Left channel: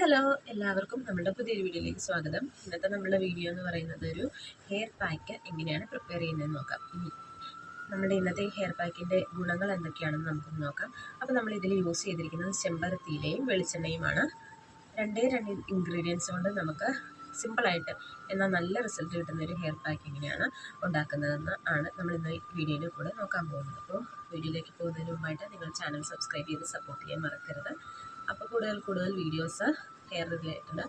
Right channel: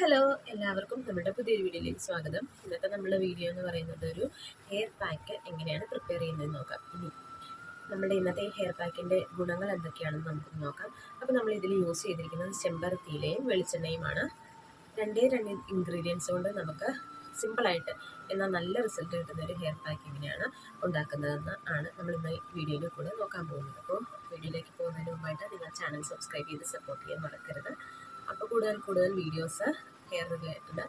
Hello എല്ലാവർക്കും നമ്മുടെ പുതിയൊരു വീഡിയോയിലേക്ക് സ്വാഗതം. ഇന്നത്തെ നമ്മുടെ വീഡിയോ എന്ന് പറയുന്നത് ഒരു ഹെയർ പാക്ക് എങ്ങനെയാണ് പ്രിപ്പയർ ചെയ്യുന്നതെന്ന് നോക്കാം. ഇനി നമ്മുടെ ഇന്നത്തെ ഹെയർ പാക്കിന്റെ ഗുണങ്ങൾ എന്തൊക്കെയാണെന്ന് നമുക്ക് നോക്കാം. അപ്പോൾ നമ്മൾ ഇതിൽ യൂസ് ചെയ്തിരിക്കുന്നത് ചെമ്പരത്തിയിലെയും വെളിച്ചെണ്ണയുമാണ്. രണ്ടേ രണ്ട് ഇൻഗ്രീഡിയൻസ് കൊണ്ട് നമുക്ക് സിമ്പിളായിട്ട് എന്നാൽ നല്ല റിസൾട്ട് കിട്ടുന്ന ഒരു ഹെയർ പാക്ക് എങ്ങനെയാണ് ഉണ്ടാക്കുന്നതെന്ന് ആണ് നമ്മൾ ഇന്ന് വീഡിയോയിൽ കൂടെ നോക്കാൻ പോകുന്നത്. അപ്പോൾ വീഡിയോയിലേക്ക് പോകുന്നതിന് മുമ്പായിട്ട് നിങ്ങൾ ചാനൽ സബ്സ്ക്രൈബ് ചെയ്ത് സപ്പോർട്ട് ചെയ്യാൻ മറക്കരുത്. അപ്പോൾ കൂടുതൽ കൂടുതൽ വീഡിയോസ് ഹെയർ റിലേറ്റഡ്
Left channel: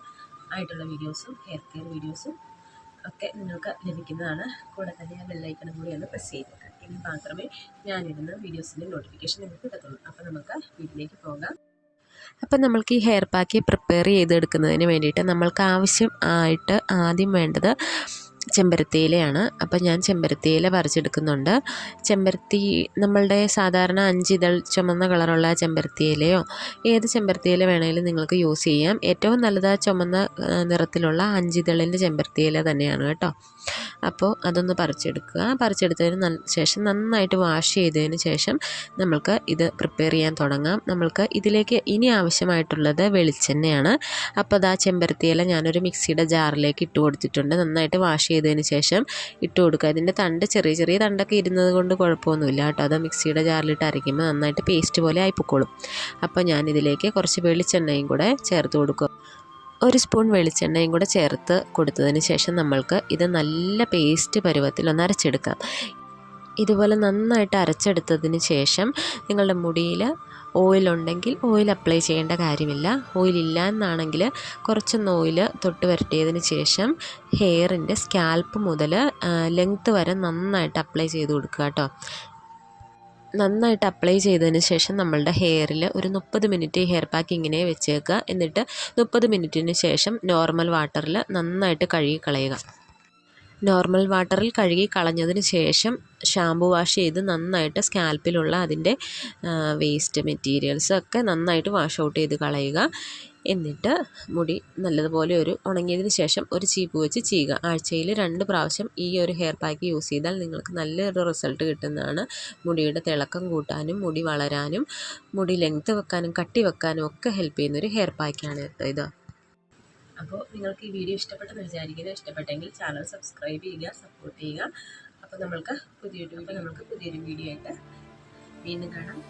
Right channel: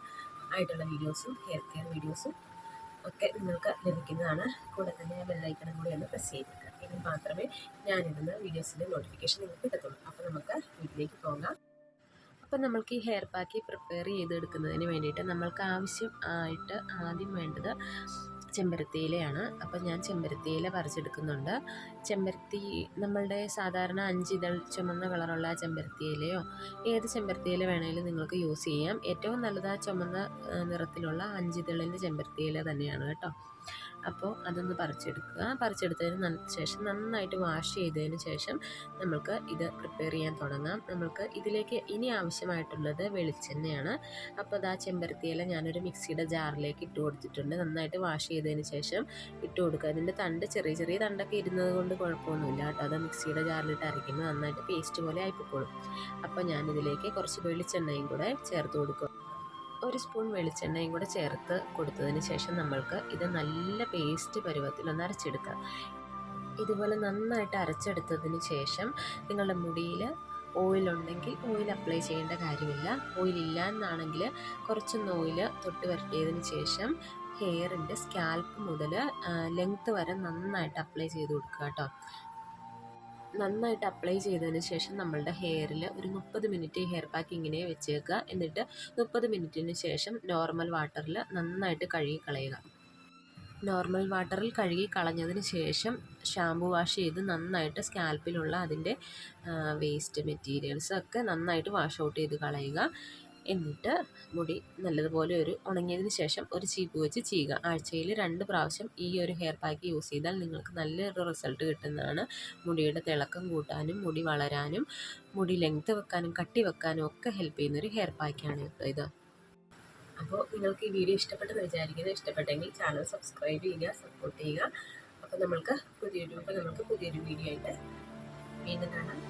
ആയിട്ടുള്ള വീഡിയോസും ഹെയർ കെയർ വീഡിയോസും ഒക്കെ നിങ്ങൾക്ക് ലഭിക്കുന്നതാണ്. കൂടെ തന്നെ ആ ബെല്ലൈക്കണം കൂടി ഒന്ന് പ്രസ് ചെയ്തേക്കാം. ഇനി മാത്രമേ ഞാനിടുന്ന വീഡിയോസിന്റെ നോട്ടിഫിക്കേഷൻ നിങ്ങൾക്ക് കിട്ടത്തുള്ളൂ. അപ്പോൾ നമുക്ക് വീട്ടിലേക്ക് പോകാം. അപ്പം നമ്മൾക്ക് ഈ ഹെയർ പാക്ക് പ്രിപ്പയർ ചെയ്തെടുക്കുന്നതിന് വേണ്ടിയിട്ട് നമ്മൾക്ക് ആവശ്യം ആയിട്ട് ആദ്യം വേണ്ടത് ചെമ്പരത്തിയിലയാണ്. അപ്പം ഞാൻ ചെമ്പരത്തിയില പറിച്ചെടുക്കുന്നുണ്ട്. ചെമ്പരത്തി നമ്മളുടെ സാധാരണ അഞ്ചിതൾ ചുമന്ന കളറുള്ള ചെമ്പരത്തിയിലയോ ഏത് ചെമ്പരത്തിയില വേണമെങ്കിലും നിങ്ങൾക്ക് യൂസ് ചെയ്യാം. ഏറ്റവും നല്ലത് ചുമന്ന നിറത്തിലുള്ള അഞ്ചിതളിന്റെ ചെമ്പരത്തിയില തന്നെയാണ് കേട്ടോ. അപ്പോൾ അതൊന്ന് പറിച്ചെടുക്കുക. പറിച്ചെടുത്തതിന് ശേഷം നന്നായിട്ട് വാഷ് ചെയ്തതിന് ശേഷം നമ്മൾക്ക് ഇത് പ്രിപ്പയർ ചെയ്യാൻ തുടങ്ങാം. നമ്മൾക്ക് ഇതിലേക്ക് ഇനി ആവശ്യമായിട്ടുള്ളത് വെളിച്ചെണ്ണയാണ്. അപ്പോൾ അത് ആ ചെമ്പരത്തിയില ഞാനൊരു മിക്സിയുടെ ജാറിലേക്ക് ഇട്ട് കൊടുത്തിട്ടുണ്ട്. നന്നായിട്ട് വാഷ് ചെയ്തതിന് ശേഷം ഇട്ട് കൊടുക്കുക. ഇതിന്റെ തണ്ട് ചെറിയ ചെറിയ തണ്ടൊക്കെ ഇരുന്നത് കൊണ്ട് കുഴപ്പമൊന്നുമില്ല കേട്ടോ. അത് മിക്സിയുടെ ജാറിലിട്ട് അരയ്ക്കുമ്പോൾ നന്നായിട്ട് പേസ്റ്റ് പോലെ ആയിപ്പോക്കോളും. അപ്പോൾ ഞാനിതിലേക്ക് കുറച്ച് വെളിച്ചെണ്ണയും കൂടെ ചേർത്ത് കൊടുക്കുക ഒരു സ്പൂൺ വെളിച്ചെണ്ണയും കൂടെ ചേർത്ത് കൊടുത്തതിന് ശേഷം നമ്മൾക്ക് ഇത് നല്ല പേസ്റ്റ് പരുവത്തിൽ ഒന്ന് അരച്ചെടുക്കാം. ഇതുപോലെ നന്നായിട്ട് അരച്ചെടുത്തതിന് ശേഷം നിങ്ങളുടെ മുടിയിൽ ഓയിലുണ്ടെങ്കിൽ ഓയിൽ അപ്ലൈ ചെയ്യേണ്ട കാര്യമില്ല. ഓയിലില്ല എന്നാണെങ്കിൽ കുറച്ചൊന്ന് ഓയിൽ തൊട്ട് വരട്ടിയതിന് ശേഷം ഹെയറിന്റെ സ്കാൽപ്പ് മുതൽ ലെങ്ത്ത് വരെ നന്നായിട്ട് അപ്ലൈ ചെയ്ത് കൊടുക്കുക കേട്ടോ. നന്നായിട്ട് അപ്ലൈ ചെയ്തതിന് ശേഷം നമ്മളുടെ ഹെയറിൽ ഒരു മുപ്പത് മിനിറ്റ് ഹെയർ പാക്ക് ഇങ്ങനെ വെച്ചേക്കുക. എന്നിട്ട് മുപ്പത് മിനിറ്റിന് ശേഷം നോർമൽ വാട്ടറിൽ നന്നായിട്ട് കഴുകി കളയുക നോർമൽ വാട്ടറിൽ കഴുകി കളഞ്ഞതിന് ശേഷം ഷാമ്പു വാഷ് ചെയ്ത് നന്നായിട്ട് സ്കാൽപ്പിലുള്ള അതിന്റെ വേസ്റ്റ് മെറ്റീരിയൽസ് ഒക്കെ നന്നായിട്ട് വാഷ് ഔട്ട് ചെയ്ത് കളയുക. എന്നിട്ട് മുടി നല്ലതുപോലെ ഒരു ഉണങ്ങിയതിന് ശേഷം ഒരു ചീപ്പ് വെച്ച് ചെയ്യുക ആഴ്ചയിൽ രണ്ട് പ്രാവശ്യം ഈ ഒരു ഹെയർ പാക്ക് യൂസ് ചെയ്താൽ നിങ്ങൾക്ക് നല്ലൊരു റിസൾട്ട് കിട്ടുന്നതാണ്. മുടിയുടെ തിളക്കം കൂട്ടാനും മുടി വളരാനും മുടി ലെങ്ത്ത് വെക്കാനും കട്ടി വെക്കാനും ഒക്കെ ഹെൽപ്പ് ചെയ്യുന്നൊരു ഹെയർ പാക്കാണ് കേട്ടോ ഇത്. അപ്പോൾ നിങ്ങൾക്ക് ഈ വീഡിയോ ഇഷ്ടപ്പെട്ടെന്ന് വിചാരിക്കുന്നു. ഇഷ്ടപ്പെട്ടെങ്കിൽ ചാനൽ സബ്സ്ക്രൈബ് ചെയ്യുക സപ്പോർട്ട് ചെയ്യുക. അപ്പോൾ നമ്മൾക്ക് പുതിയ യൂട്യൂബിൽ നമ്മൾക്ക് പുതിയൊരു വീഡിയോ ആയിട്ട് വീണ്ടും കാണാം.